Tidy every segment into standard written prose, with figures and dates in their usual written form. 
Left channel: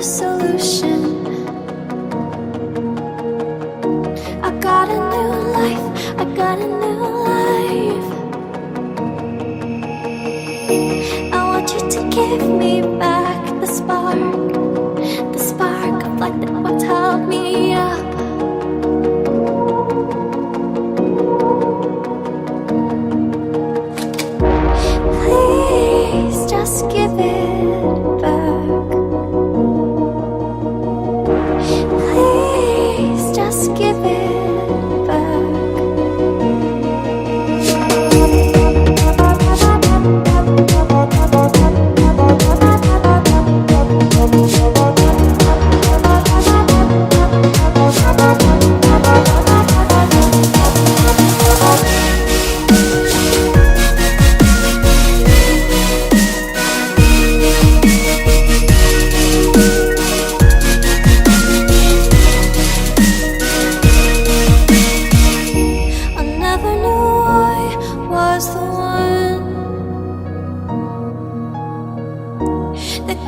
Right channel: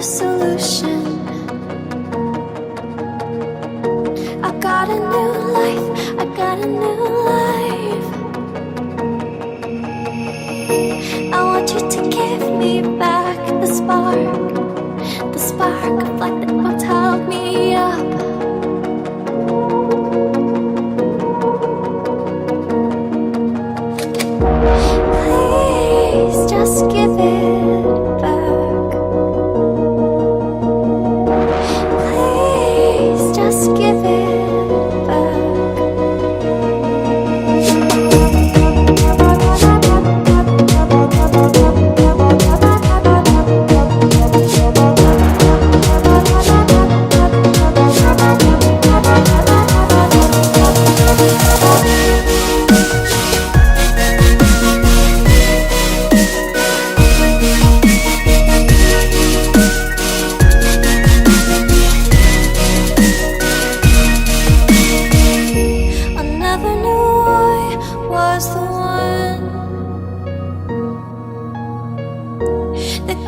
the solution. I got a new life, I got a new life. I want you to give me back the spark of light that once held me up. Please just give it back. Please just give it back.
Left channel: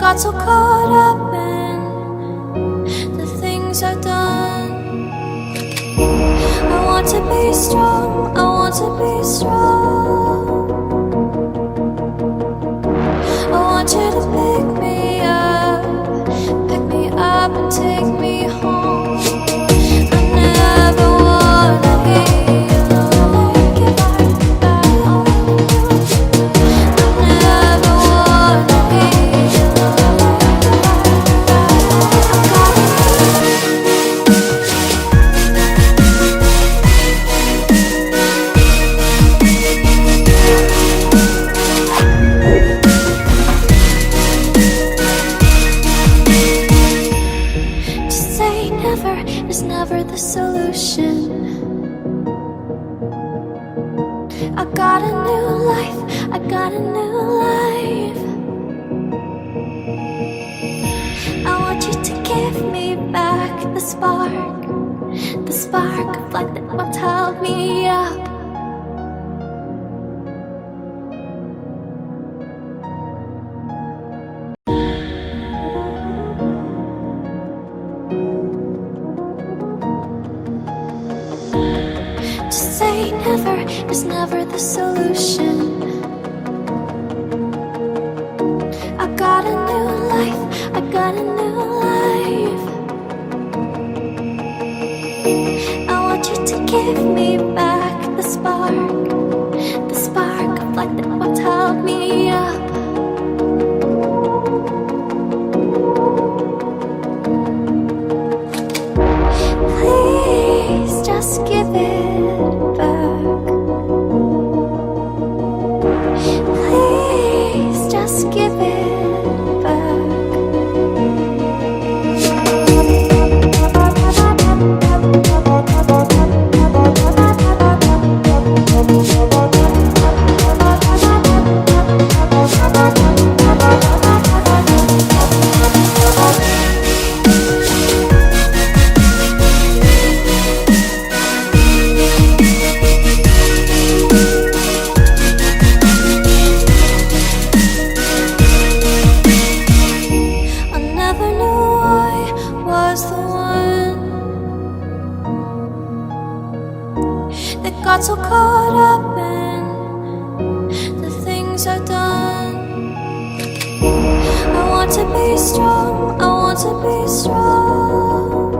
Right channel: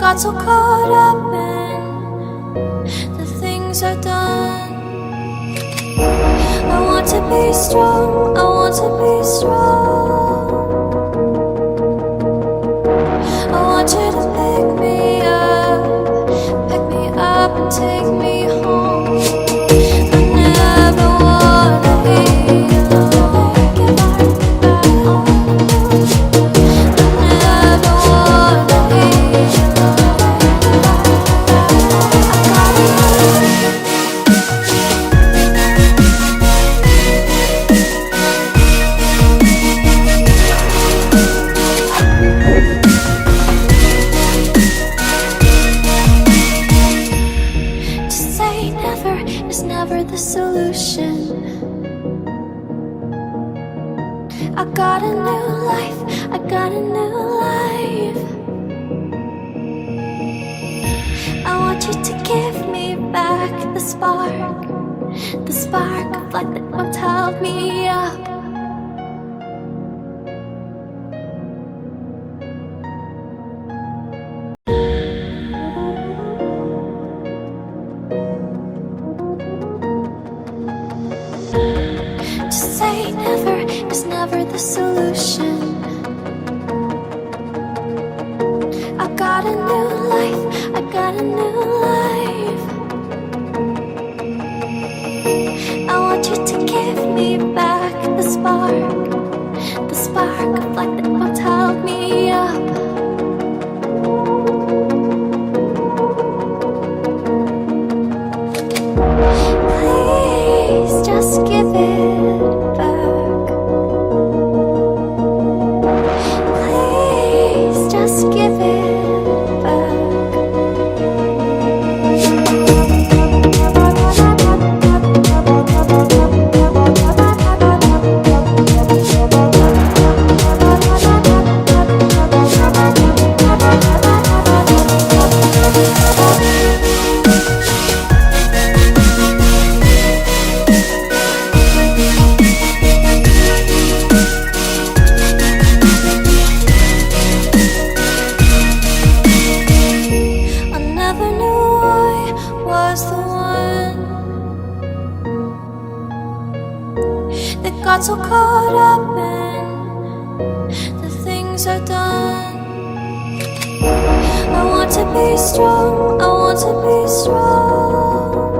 Got so caught up in the things I've done. I want to be strong, I want to be strong. I want you to pick me up and take me home. I never wanna be alone. I never wanna be the solution. I got a new life, I got a new life. I want you to give me back the spark of light that once held me up. Is never the solution. I got a new life, I got a new life. I want you to give me back the spark of light that once held me up. Please just give it back. Just give it back. Got so caught up in the things I've done. I want to be strong, I want to be strong.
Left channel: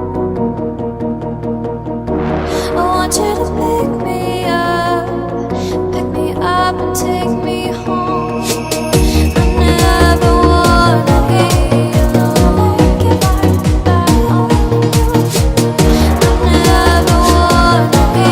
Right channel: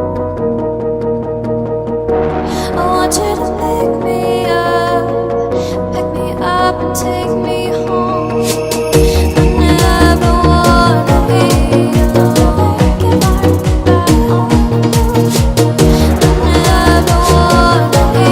I want you to pick me up and take me home. I never wanna be alone. I never wanna be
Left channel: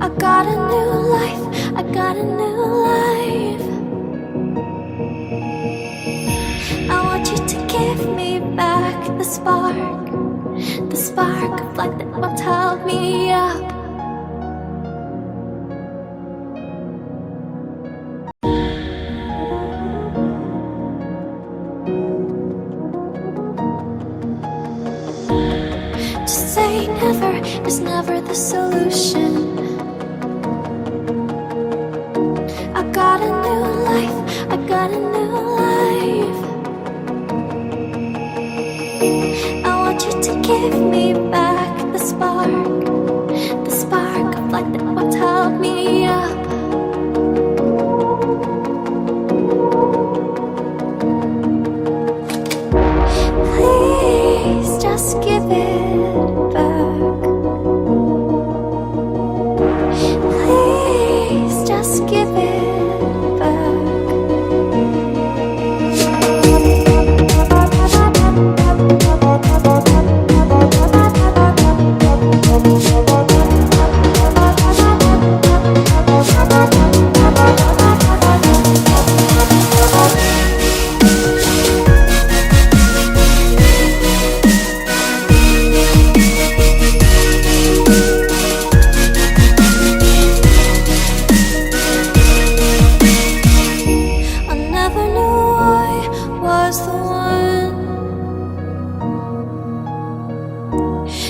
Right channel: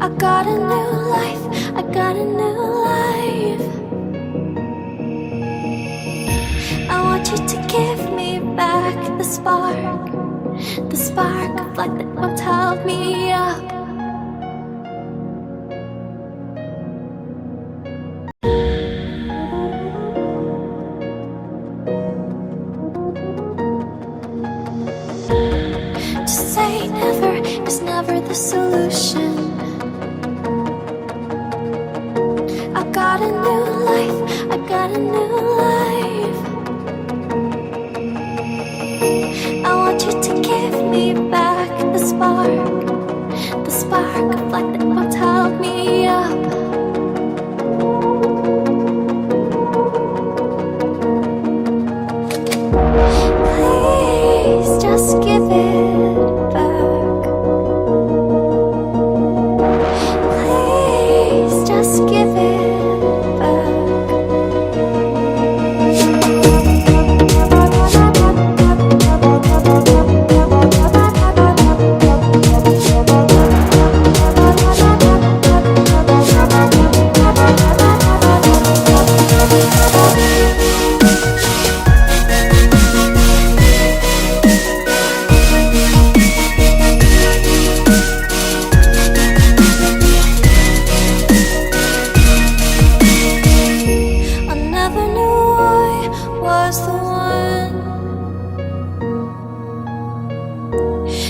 I got a new life, I got a new life. I want you to give me back the spark of light that once held me up. never the solution. I got a new life, I got a new life. I want you to give me back the spark of light that once held me up. Please just give it back. Please just give it back. I never knew I was the one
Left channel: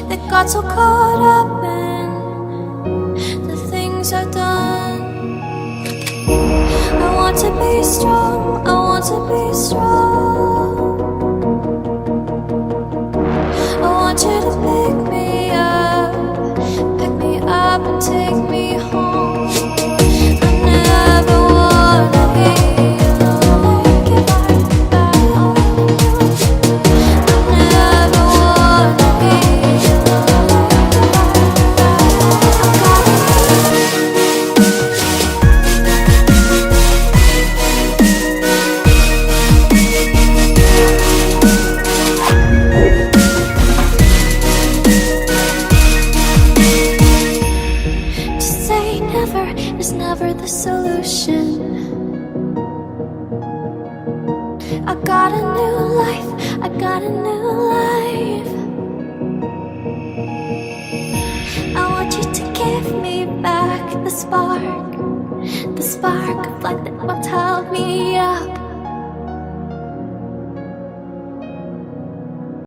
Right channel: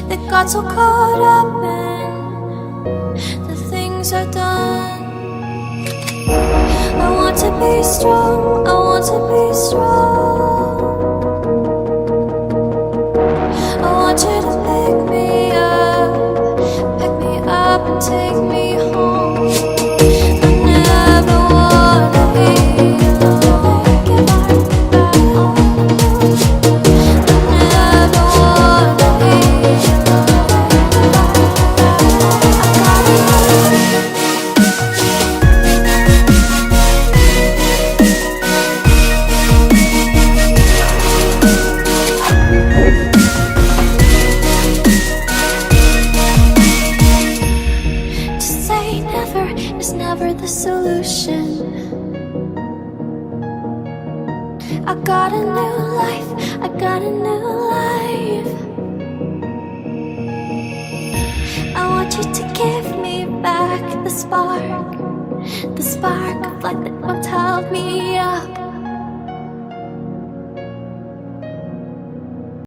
that got so caught up in the things I've done. I want to be strong, I want to be strong. I want you to pick me up and take me home. I never wanna be alone. I never wanna be To say never is never the solution. I got a new life, I got a new life. I want you to give me back the spark of light that